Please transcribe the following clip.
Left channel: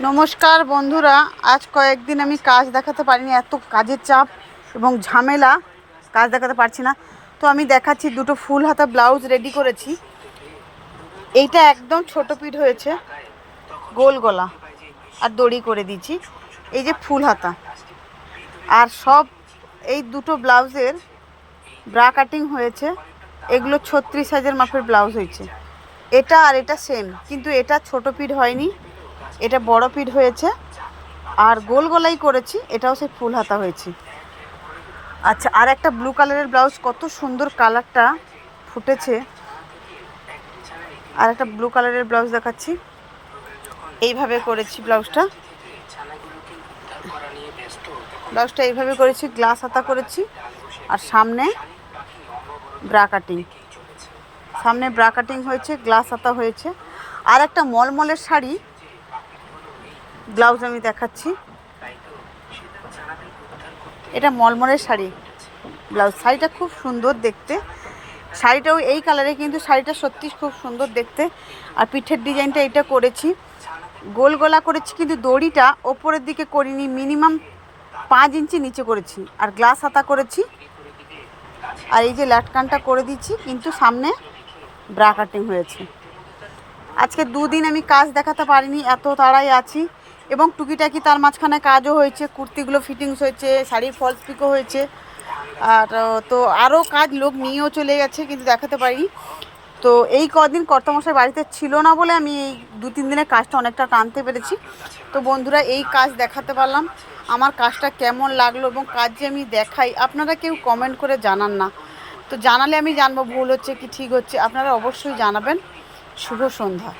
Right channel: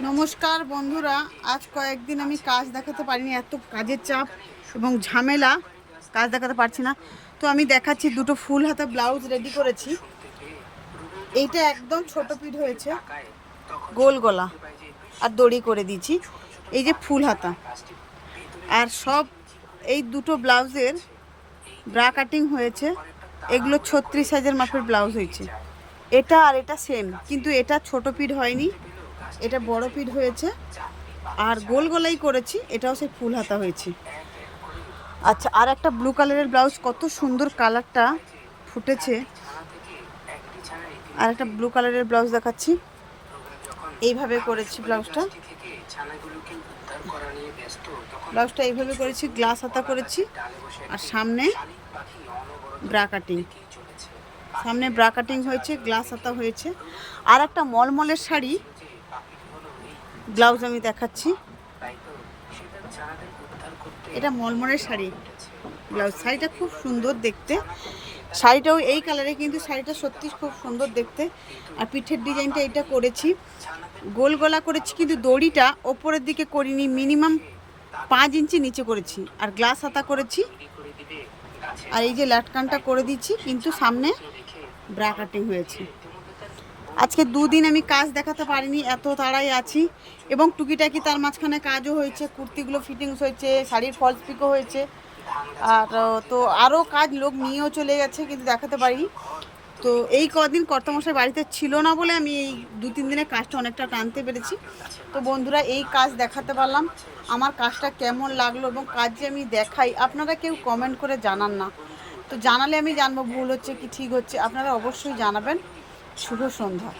নমস্কার বন্ধুরা, আজ কয়েকদিন আমি কাজ দেখাতে পারিনি, এত কাজের চাপ এবং ঝামেলা, কাজ দেখাতে পারছি না। তো আমি দেখাচ্ছি, দুটো ফুল হাতা ব্লাউজ রেডি করেছি। এইটা একদম ছোট পিঠ হয়েছে, গোল গলা আর দড়ি করে দিয়েছি। এই যে ফুল হাতা, আর সব এই দুটো ব্লাউজের ব্রা কাটিং হয়েছে। এগুলো 36 সাইজের মাপের ব্লাউজ হয়েছে। এটা আর এটা সেম, কিন্তু এটা ছোট পিঠ হয়নি, এটা বড় পিঠ হয়েছে। আর গোল গলাই করেছি, এটাও সেই ফুল হাতা হয়েছে। আচ্ছা, আর একটা ব্লু কালারের ব্লাউজ, কত সুন্দর কালারটা ফুটেছে। আর একটা ব্লু কালারের ব্লাউজ দেখাচ্ছি, এইভাবে করেছি ব্লাউজটা। এইভাবে করেছি, গ্লাস হাতা করেছি, আর সামনে ব্রা কাটিং, হয়েছে, গ্লাস হাতা হয়েছে। আর একটা মলমলের শাড়ি ব্লাউজ আমি দেখাচ্ছি, এটা মলমলের শাড়ি ব্লাউজ। শাড়িটা খুব সুন্দর দেখতে, শাড়িটাও এই কালারে, কিন্তু শাড়িটা সত্যি খুব সুন্দর দেখতে। আর পিঠের ডিজাইনটা এটা করেছি, গোল গলা করেছি, কিন্তু দড়িটা ওপরের দিকে করিনি, মিনিমাম 5 ইঞ্চি নিচে করেছি। আর গ্লাস হাতা করেছি, আর এই যে লাটকানটা করে দিচ্ছি, কিন্তু সামনে ব্রা কাটিং হয়েছে। আজকে 2 দিন আমি কাজ দেখাতে পারিনি, এত তাড়াই আছি। এবং টুকিটাকি তার মাঝখানে কাজও হয়েছে, কুর্তিগুলো ফিটিংস হয়েছে, শাড়ির ফলস পিকও হয়েছে। আর তো আরও কাজ লোক নিয়েও চলে গেছে, কিন্তু দেখাতে পারিনি। তো এই কদিন কর্তামশাই বাড়িতে ছিল না বলে আমি এই 2-3 দিনের কাজটা অনেকটা টানতে পেরেছি। তো বন্ধুরা, এই কাজ দেখাতে পারলাম। আমার কাজটা কেমন লাগলো এবং কাজ যে আমি দেখাই, আপনারা কেউ কমেন্ট করে জানান না। তো জানালে আমি জানবো ভুল হচ্ছে কি ঠিক হচ্ছে। আপনারা অবশ্যই জানাবেন। শুভ সন্ধ্যা।